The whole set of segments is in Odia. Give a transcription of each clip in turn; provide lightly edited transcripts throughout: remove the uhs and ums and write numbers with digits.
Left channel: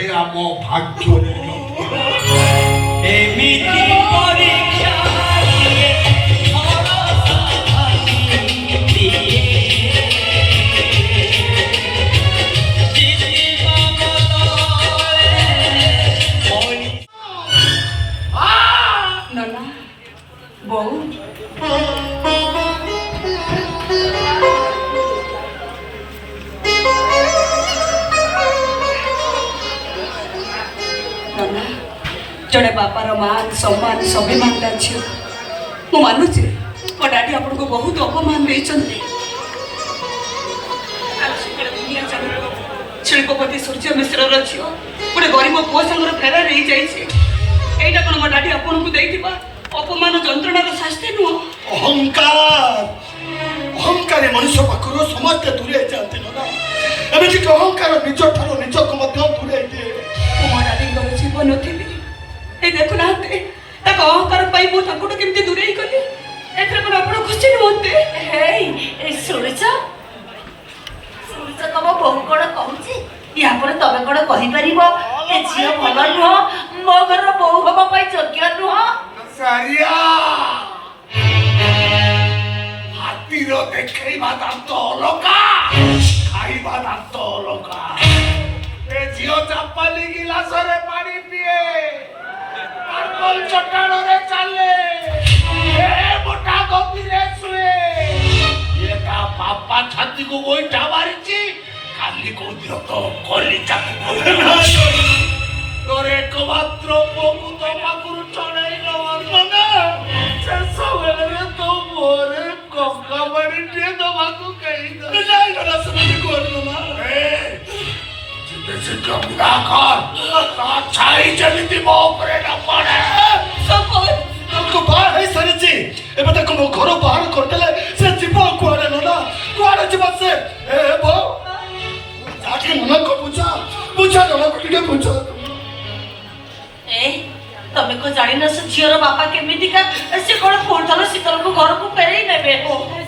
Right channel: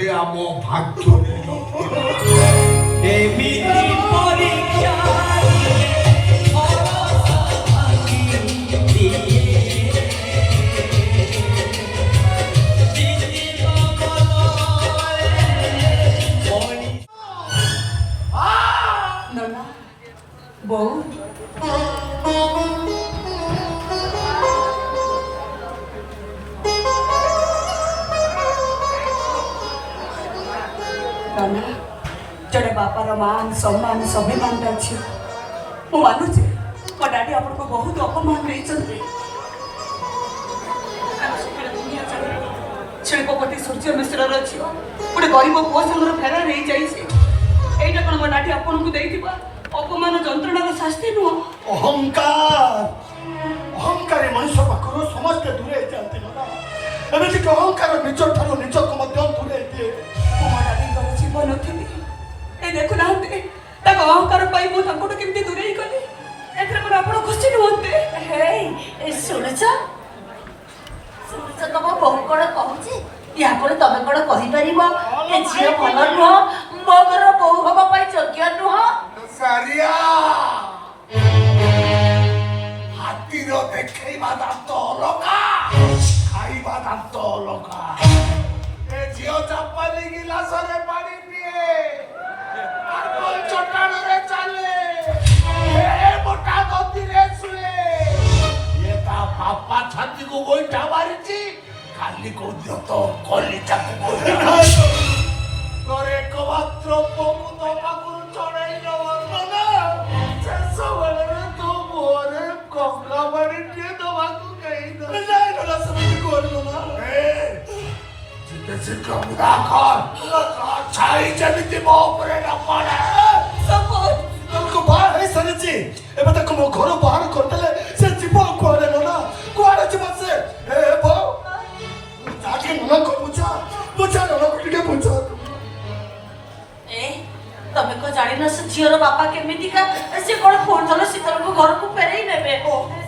ବୋଧେ ଆମ ଭାଗ୍ୟରେ ଏମିତି ପରୀକ୍ଷା ନନା ବୋଉ ନନା ଜଣେ ବାପାର ମାନ ସମ୍ମାନ ସ୍ୱାଭିମାନଟା ଝିଅ ମୁଁ ମାନୁଛି ମୋ ଡାଡି ଆପଣଙ୍କୁ ବହୁତ ଅପମାନ ଦେଇଛନ୍ତି ଶିଳ୍ପପତି ସୂର୍ଯ୍ୟ ମିଶ୍ରର ଝିଅ ଗୋଟେ ଗରିବ ପୁଅ ସାଙ୍ଗରେ ଫେରାର ହେଇଯାଇଛି ଏଇଟା କ'ଣ ମୋ ଡାଡି ଆପଣଙ୍କୁ ଦେଇଥିବା ଅପମାନ ଯନ୍ତ୍ରଣାର ଶାସ୍ତି ନୁହଁ ଅହଙ୍କାର ମଣିଷ ପାଖରୁ ସମସ୍ତେ ଦୂରେଇ ଯାଆନ୍ତି ନା ଏମିତିକି ଅହଙ୍କାର ନିଜ ଠାରୁ ନିଜକୁ ମଧ୍ୟ ଦୂରେଇ ଦିଏ ମୁଁ ମୋ ଡାଡିଙ୍କର ଜୀବନ ଥିଲି ଏଇ ଦେଖୁନାହାନ୍ତି ତାଙ୍କ ଅହଙ୍କାର ପାଇଁ ମୁଁ ତାଙ୍କଠୁ କେମିତି ଦୂରେଇ ଗଲି ଏଥିରେ କ'ଣ ଆପଣ ଖୁସି ନୁହନ୍ତି ଶୁଣିଛ ତମ ବୋହୁ କଣ କହୁଛି ୟା ପରେ ତମେ କଣ କହିପାରିବ ଏ ଝିଅ ଭଲ ନୁହଁ ମୋ ଘରର ବୋହୁ ହବା ପାଇଁ ଯୋଗ୍ୟ ନୁହଁ ହାତୀର ଦେଖେଇବା ଦାନ୍ତ ଅଲଗା ଖାଇବା ଦାନ୍ତ ଅଲଗା ଏ ଝିଅ ଚାପାଲି ଗିଲାସରେ ପାଣି ପିଏ ଚଟାଣରେ ଚାଲେ ଏ ମୋଟା ଗଦିରେ ଶୁଏ ଇଏ ତା ବାପା ଛାତିକୁ ଗୋଇଠା ମାରିଛି କାଲି କୋଉଦିନ ତ କଲିଚାକୁ ତୋର ଏକମାତ୍ର ପୁଅକୁ ତୋ ପାଖରୁ ଚଢେଇ ନବ ଶେଷ ବେଳରେ ତୋ ମୁହଁରେ କଙ୍କା ବାଡ଼ିଟିଏ ଦବାକୁ କେହି ଛାଇ ଯେମିତି ମୋ ଉପରେ ନ ପଡେ ବାହା ହେଇସାରିଛି ଏବେ ତାକୁ ମୋ ଘର ବାହାର କରିଦେଲେ ସେ ଯିବ କୁଆଡେ ନନା କୁଆଡେ ଯିବ ସେ ଯାକେ ନନାକୁ ବୁଝା ନନାକୁ ଟିକେ ବୁଝା ତମେ କଣ ଜାଣିନ ସେ ଝିଅର ବାପା କେମିତିକା ସେ କଣ ପୁଣି ଶୀତଳକୁ ଘରକୁ ଫେରେଇ ନେବେ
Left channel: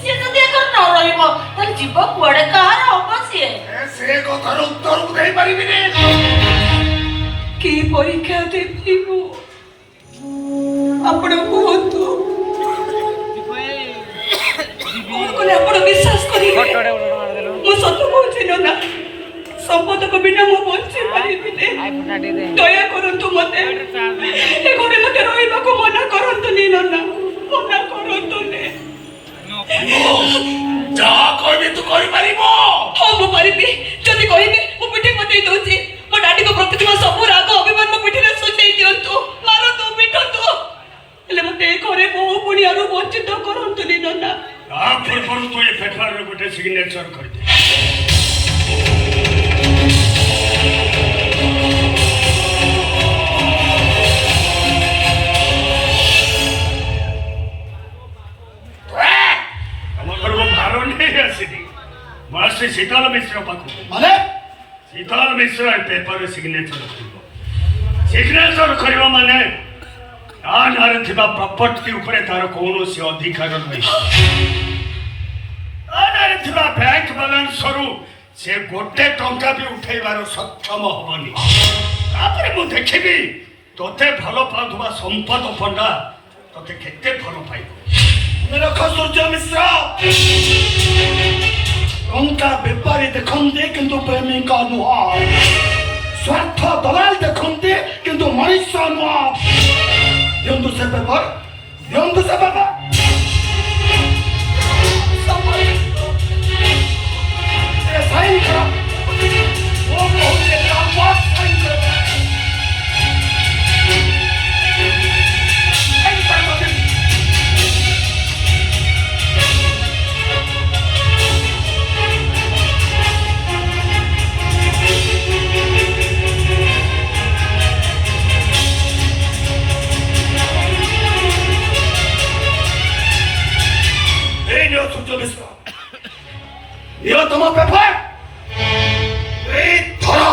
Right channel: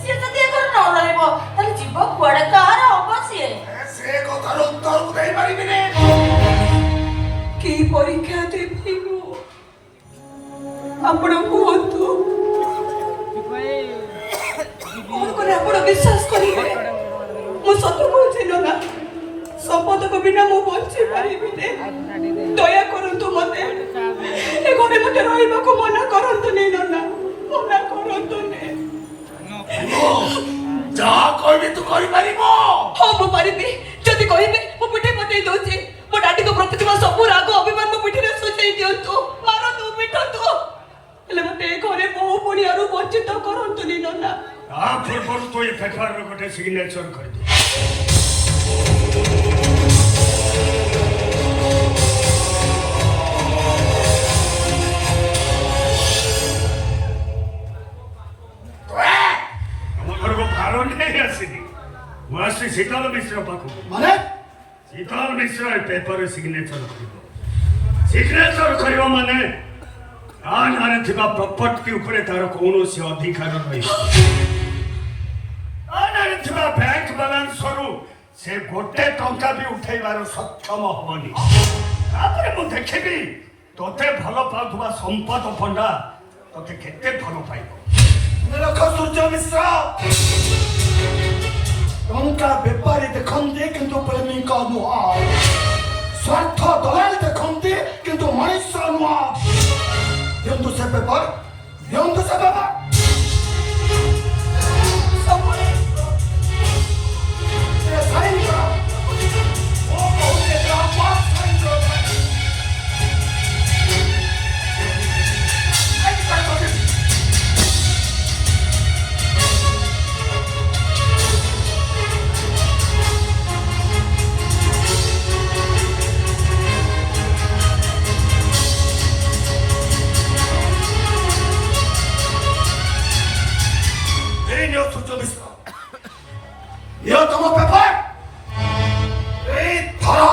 ସିଏ ଯଦି ଏ ଘରେ ନ ରହିବ ତାହେଲେ ଯିବ କୁଆଡେ କାହାର ହବ ସିଏ ସେ କଥାର ଉତ୍ତର ମୁଁ ଦେଇପାରିବିନି କି ପରୀକ୍ଷା ଦେବି ମୁଁ ଆପଣ କୁହନ୍ତୁ ଆପଣ ବିଶ୍ୱାସ କରିବେ ମୁଁ ସତ କହୁଛି ନନା ସମ୍ପଦକ ବିନା ମୁଁ ବଞ୍ଚି ପାରିବିନି ଦୟା କରନ୍ତୁ ମତେ ଏ ଘରେ ମତେ ରହିବାକୁ ମନା କରନ୍ତୁନି ନନା ମନା କରନ୍ତୁନି ଯାହା କହିବେ ତୁ କରିପାରିବ ହଁ ମୁଁ ପାରିବି ଯଦି କହିବେ ମୁଁ ପିଠି ପତେଇ ଦଉଛି ମୋ ଡାଡିଙ୍କ ପ୍ରତି ଥିବା ସବୁ ରାଗ ଅଭିମାନ ମୋ ପିଠିରେ ସୁଝେଇ ଦିଅନ୍ତୁ ମାରନ୍ତୁ ପିଟନ୍ତୁ ହେଲେ ମତେ ଏ ଘରେ ବୋହୁ ପୁଣିଆରୁ ବଞ୍ଚିତ କରନ୍ତୁନି ନନା ତା ପୂର୍ବରୁ ତୁ ଏ ପେପରରେ ଗୋଟେ ସିଗ୍ନେଚର କରିଦେ शीतल मिश्र माने शीतल मिश्र पेपर सिग्नेचर सिग्नेचर करियो माने आनारे थिबा प्रॉपर्टी ऊपर तार कोनोसी अधिकार नै आनारे थिबा बैंक बैलेंस सरू से गोटे टंका भी उठैबार सक्षम हबनी तापर मु देखिबी तोते भलो पाथुबा संपद पंडा तोते केते भलो पाइबो मेरा सूर्य मिश्र टंका बेपारी देखते किंतु प्रेमिका नुह स्वार्थ दलाल देखते किंतु मनुष्य नुह दिंतु से पेपर यो तुम पेपर धरो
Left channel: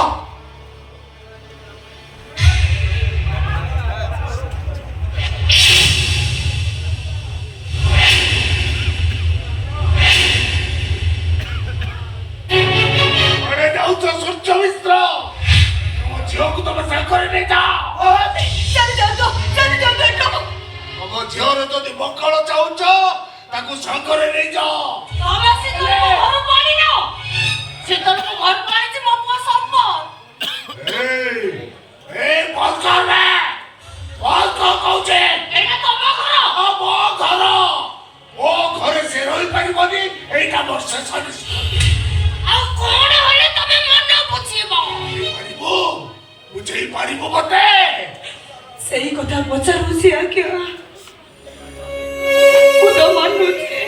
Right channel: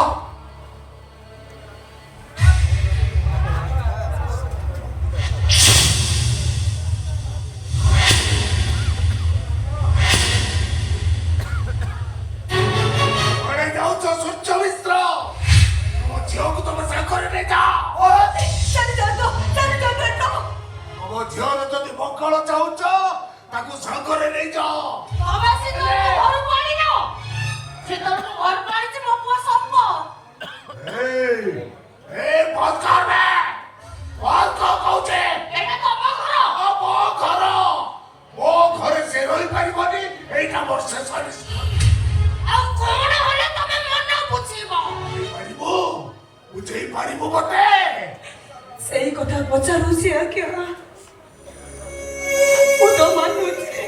सूर्य मिश्र झील କଣ ଚାହୁଁଛ ତାକୁ ଶଙ୍ଖରେ ନେଇଯାଅ। ବାବା ସେ ତମକୁ ଘରକୁ ଆଣିନ ସେ ତମକୁ ଘରକୁ ଆଣିଛି ମୋ ପୁଅ ସମ୍ପଦ ବନ୍ଦ କର ବେ। ବନ୍ଦ କର କହୁଛେ। ଏଇଟା ତମ ଘର ମୋ ଘର। ମୋ ଘରେ ସେ ରହିପାରିବନି। ଏଇଟା ମୋର ଶେଷ ନିଷ୍ପତ୍ତି। ଆଉ କଣ ହେଲେ ତମେ ମନ ବୁଝିବ ପାରିବୁ ବୁଝେଇ ପାରିବୁ ମତେ? ସେଇ କଥା ପଚାରୁଛି ଆଜ୍ଞା। ମୁଁ ତ ମାନୁଛି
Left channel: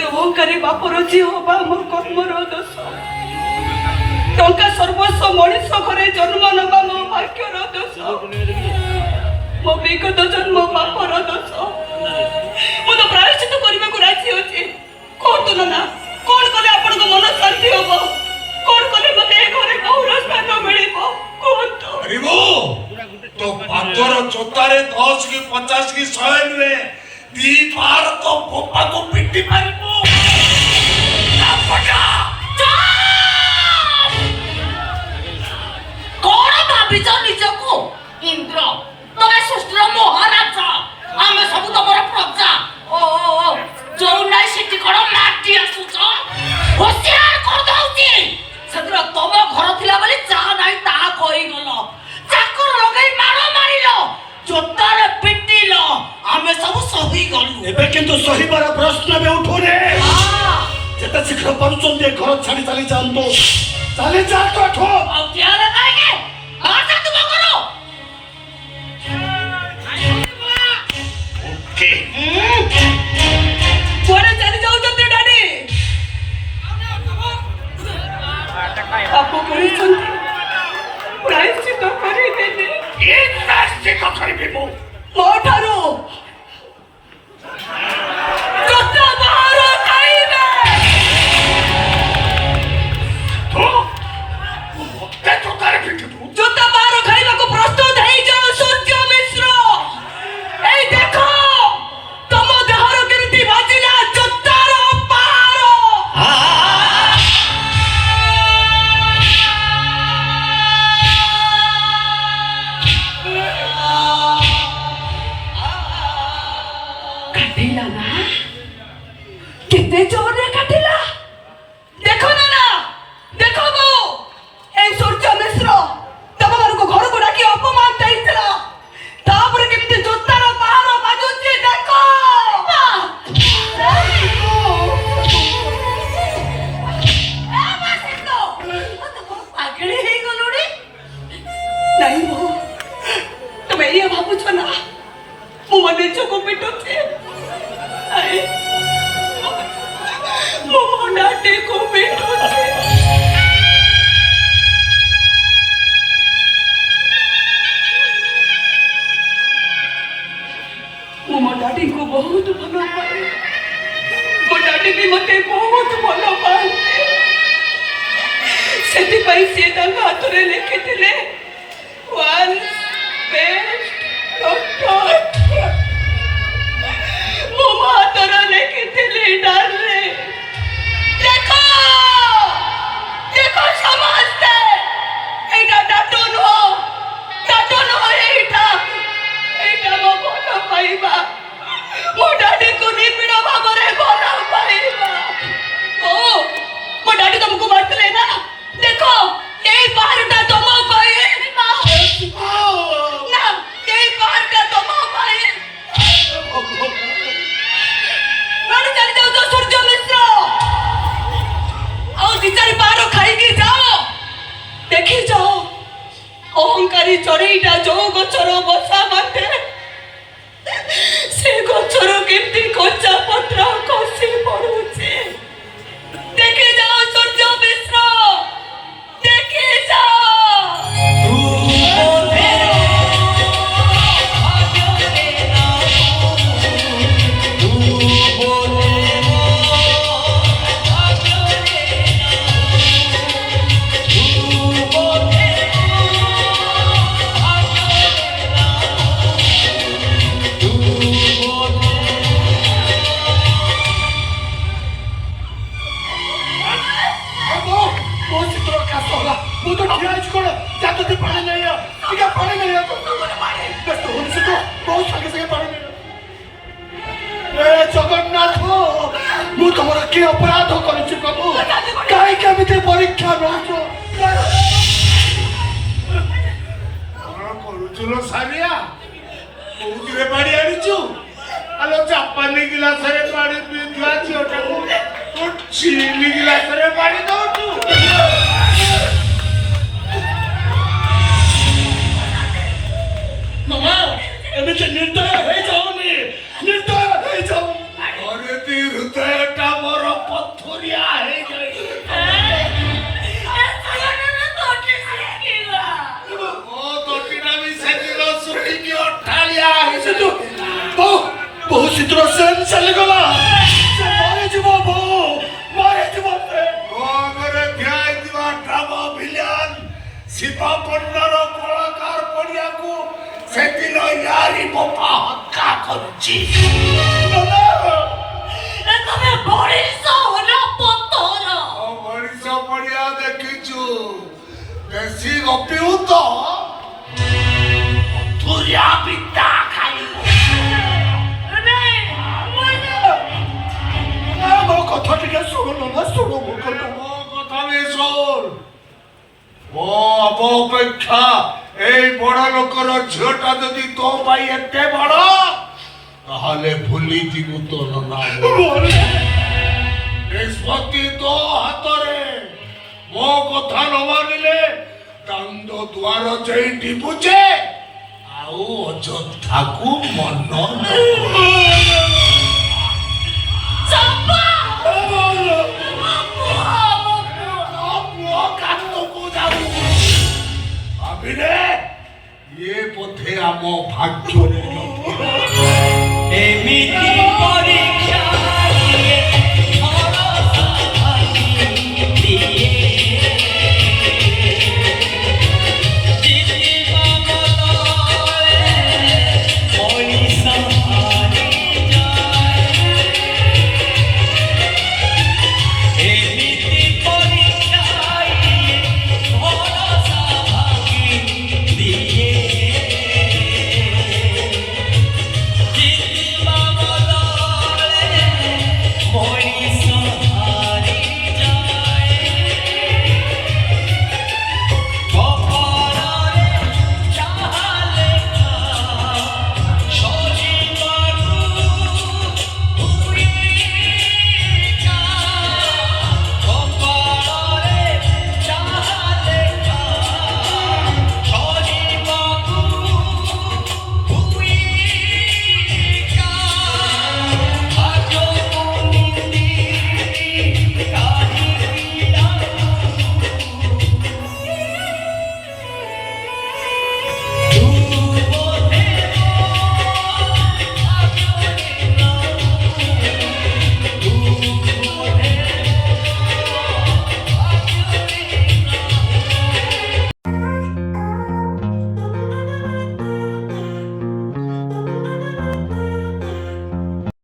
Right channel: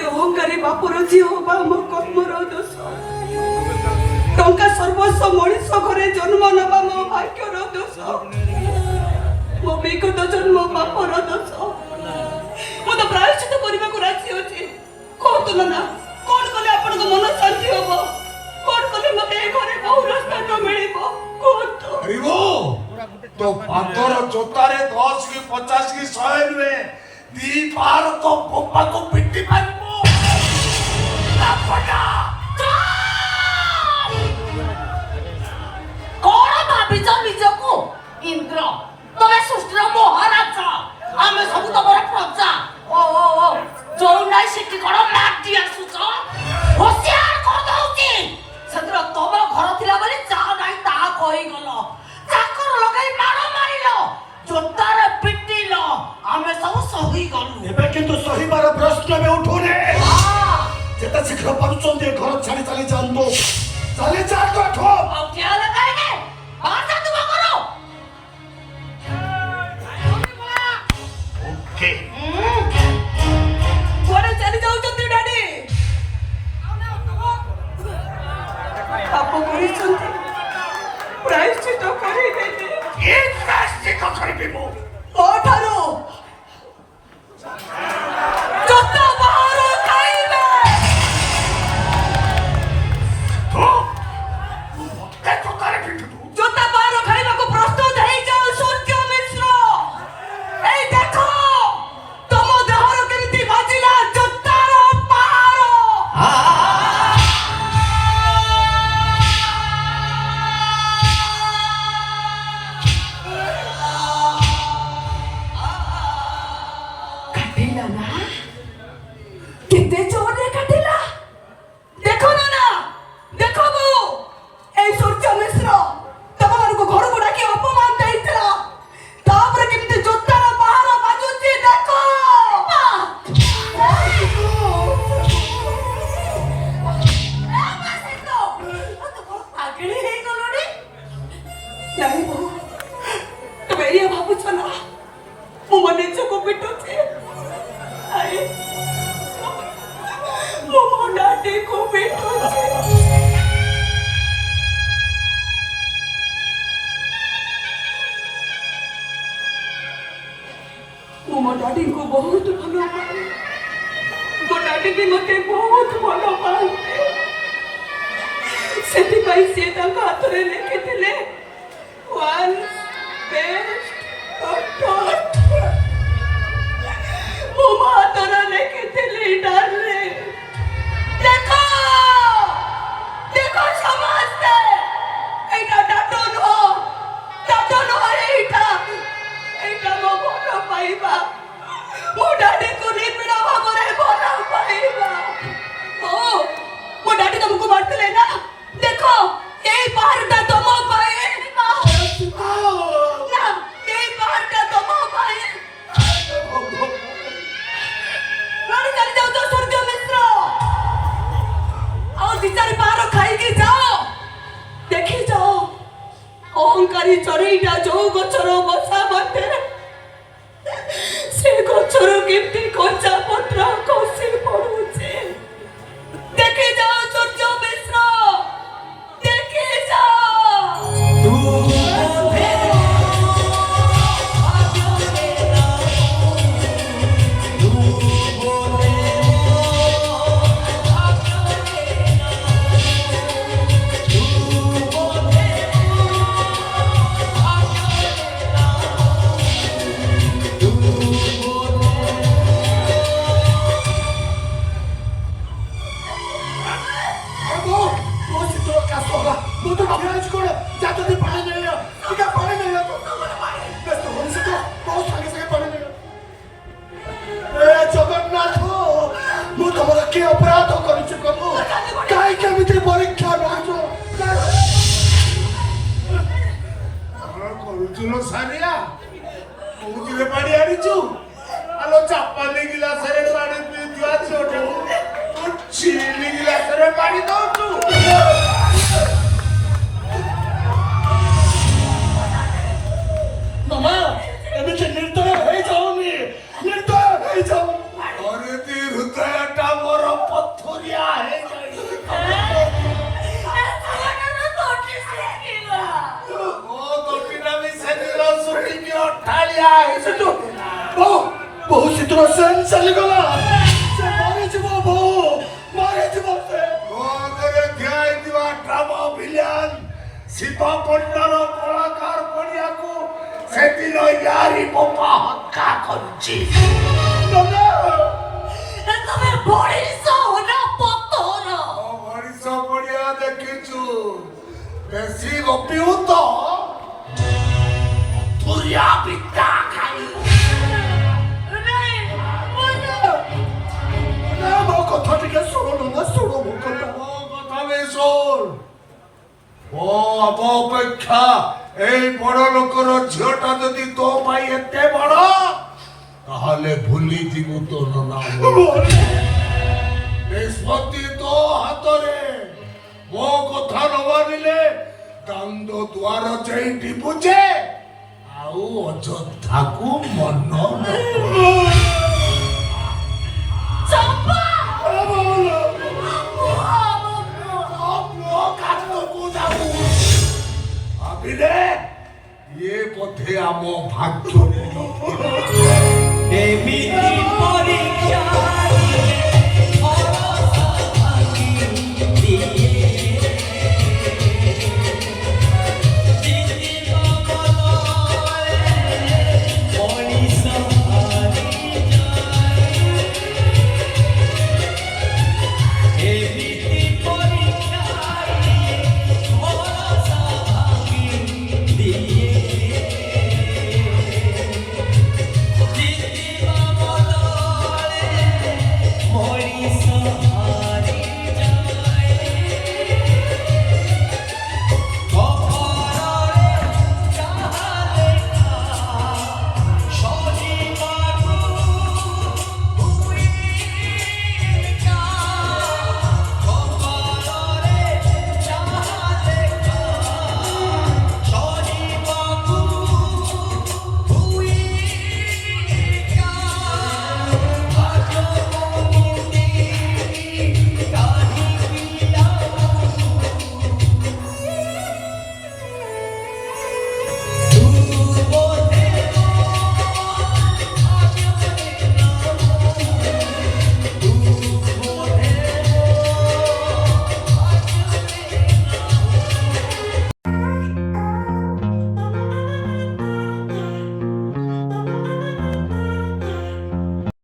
ଅହଙ୍କାରୀ ବାପର ଝିଅ ହବା ମୋ କର୍ମର ଦୋଷ। ଟଙ୍କା ସର୍ବସ୍ୱ ମଣିଷ ଘରେ ଜନ୍ମ ନେବା ମୋ ଭାଗ୍ୟର ଦୋଷ। ମୋ ବିଗତ ଜନ୍ମ ବାପର ଦୋଷ। ମୁଁ ତ ପ୍ରାୟଶ୍ଚିତ କରିବାକୁ ରାଜି ଅଛି। କୁହନ୍ତୁ ନା କଣ କଲେ ଆପଣଙ୍କ ମନ ଶାନ୍ତି ହବ? କଣ କଲେ ମତେ ଏ ଘରେ ବହୁର ସ୍ଥାନ ମିଳିବ? କୁହନ୍ତୁ। ପାରିବୁ? ତୋ ପାଦର ଜୋତାରେ 10 କି 50 କି 100 ନୁହେଁ 2 ପାର ତୋ ବୋପାକୁ ପିଟି ପାରିବୁ। କଣ ଭାବିଛ ନିଜକୁ ଇନ୍ଦ୍ର? ତମେ ସୃଷ୍ଟିର ମହାରାଜ ଆମେ ସବୁ ତମର ପ୍ରଜା। ଓ ଯୋଉ ନାଇଁ ସେଠି କଣ ମାଟି ଆସୁଛ? ହୋସିଆର କରିଦଉଛି। ସେଦିନ ତମ ଘର ଥିଲା ବୋଲି ଯାହା ନାହିଁ ତାହା କହିଗଲ। ଚାକର ଲଗେଇ ମାଡ଼ ମାରିଲ ଜୋତାରେ ପିଟିଲ ଆମେ ସବୁ ସହିଗଲୁ। ଏବେ କିନ୍ତୁ ସହିବାର ପ୍ରଶ୍ନ ବି ଉଠୁନି। ଯେତେ ଶୀଘ୍ର ପାରୁଛନ୍ତି ଏ ଘର ଛାଡ଼ି ଚାଲି ଯାଆନ୍ତୁ। ଚାଲି ଯାଆନ୍ତୁ ଏଠୁ। ଆଉ କିଆଲେ କାହିଁକି ବାହାର ତୁମ ଘର ଓକେ। କୁଆଡେ ଚାଲି ଯାଉଛନ୍ତି ଡାଡି? ପାପ କରିଛନ୍ତି ପ୍ରାୟଶ୍ଚିତ କରିବେନି। ଏ ପ୍ରାୟଶ୍ଚିତ କରିବି ମୁଁ। ମୋ ଠାରୁ ଜୋତା ବାହାର ଖାଇବେ। ତୁ ମତେ ଟଙ୍କାରେ ପିଟିବୁ? ଜୋତା ବାହାର ଖାଇବାକୁ ପ୍ରସ୍ତୁତ ହେଇଯାଅ ସୂର୍ଯ୍ୟ ମିଶ୍ର। ଏଇ ଦେଖ ତମ ଦେହର କେମିତି ବାଜିଲା ଜୋତାର ପାହାର। କାଟିଲା ନା? କେତେ ଜୋରରେ କାଟିଲା ଦେଖ ନା। ଦେଖ ବୋଉ, ଏଇ ସୂର୍ଯ୍ୟ ମିଶ୍ର ତମମାନଙ୍କୁ ଘରକୁ ଡାକି ଅପମାନ ଦେଇଥିଲା। ତାପରେ କେମିତି ଜୋତାର ପାହାର ବାଜୁଛି ଦେଖ। ଆଗେଳି ହେଇଗଲୁଣି। ନାଇଁ ବୋଉ, ତମେ ଏଇଆ ଭାବୁଛ ନା ମୁଁ ମୋ ନିଜକୁ ପିଟୁଛି? ନାଇଁ, ମୁଁ ମୋ ଡାଡିକୁ ପିଟୁଛି। ମୁଁ ମୋ ଡାଡିଙ୍କୁ ବହୁତ ଭଲ ପାଏ। ମୋ ଡାଡି ବି ମତେ ବହୁତ ଭଲ ପାଆନ୍ତି। ସେଥିପାଇଁ ସିଏ ତାଙ୍କ ହାତରେ ଲେଖିଥିଲେ once best protect। ମୋ ହାତରେ ଲେଖିଥିଲି ଡାଲି। ଦେଖ ଦେଖ ସମସ୍ତେ, ଏଇଟା ଡାଟ ନୁହଁ। ଏଇଟା ମୋ ଭଲ ପାଇବା। ମୋ ଡାଡିକୁ ନିବିଡ଼ ଭାବରେ ଭଲ ପାଇବା। ଓ ମୋ ଡାଡି ତମକୁ ମାରିଥିଲେ ନା? ଦେଖ ଏଇ ପାହାଡ଼ଟା ତମ ପାଇଁ। ନା ଏଇ ପାହାଡ଼ଟା ତମ ପାଇଁ। କୁଆଡ଼େ ଚାଲି ଯାଉଛ ସୂର୍ଯ୍ୟ ମିଶ୍ର? ଆଉ 2-4 ପାହାର ଖାଇକି ଯାଅ। ଦେଖି ଯାଅ ଅହଙ୍କାରୀ ଚଢ଼େଇଟା ଯୋଉ ଗଛର ବସା ବାଟେ ସେ ଗଛରୁ କେମିତି କଞ୍ଚା ପତ୍ର ଖସି ପଡୁଛି। ଦେଖି ଯାଅ ସୂର୍ଯ୍ୟ ମିଶ୍ର, ଦେଖି ଯାଅ। ତମର କି ଅପରାଧ କରୁଛି ପ୍ରଭୁ କାହିଁ କେମିତି ପରୀକ୍ଷା ନଉଛ କଣ କରୁଛୁ ଲୋ ସାରିଆ କୋଉଥିରେ ପାଣି ଆଣିଛୁ ଆଲୋ ଜାପାନୀ ଗିଲାସରେ ପାଣି ପିଉଥିବା ଝିଅଟାକୁ ତୁ ଚିନି ଗିଲାସରେ ପାଣି ଦଉଛୁ ମାମା ଏମିତି ନିର୍ଦ୍ଦୟ ହେଇଯାଉନି ନିର୍ଦ୍ଦୟ ହେଇଯାଉ ଅରେ ଦି ହୃଦୟଟା ମୋର ପଥରିଆ ହେଇଯାଇଛି ମୋ ତଟିଟା ବି ସେଦିନ ଶୁଣିକି ଅଠାଳିଆ ହେଇଛି ବହୁ ଶୀଘ୍ର ସେନ୍ ଚାଲିଗଲା ସେ ମରିଯିବ ବୋଉ ମରିଯିବ ସେ ମୋ ଆଗରେ ଠିଆ ହେଇଥିବା ଡ୍ରାମା ଭିଲିଆନ ଶିବ ପଣ୍ଡାର କଳାକାର ପଡ଼ିଆକୁ ସେଦିନ ୟାରି ବୋପା ହତ୍ୟା କରୁଛି ତମେ ବଳିଷ ନା ପତର ମଣିଷ ପଡ଼ିଆ ଦେଖିଛୁ ବେଶୀ ଗପିବୁ ତ ତୁରିଆ ପିତା ଖାଇ ମୋ କଥା ଟିକେ ଶୁଣୁ ନା ଶୁଣୁ ମୋ କଥା ମୋ କଥା ନେ ଶୁଣ ମୋ ଆମ ଅପେକ୍ଷା এই বড় লোকর ঝিওটা যদি তো ভাই এতে বড় তাহলে ভুলি দিব তোর নাম নিষ্পত্তি তো হাতরে ମୋ କଥା ନ ମାନିଲେ ଦାଣ୍ଡ ଦୁଆର ସେଇଠି ବୁଝେ ଆଉ ଅଯୋଧ୍ୟାକୁ ମନ ନ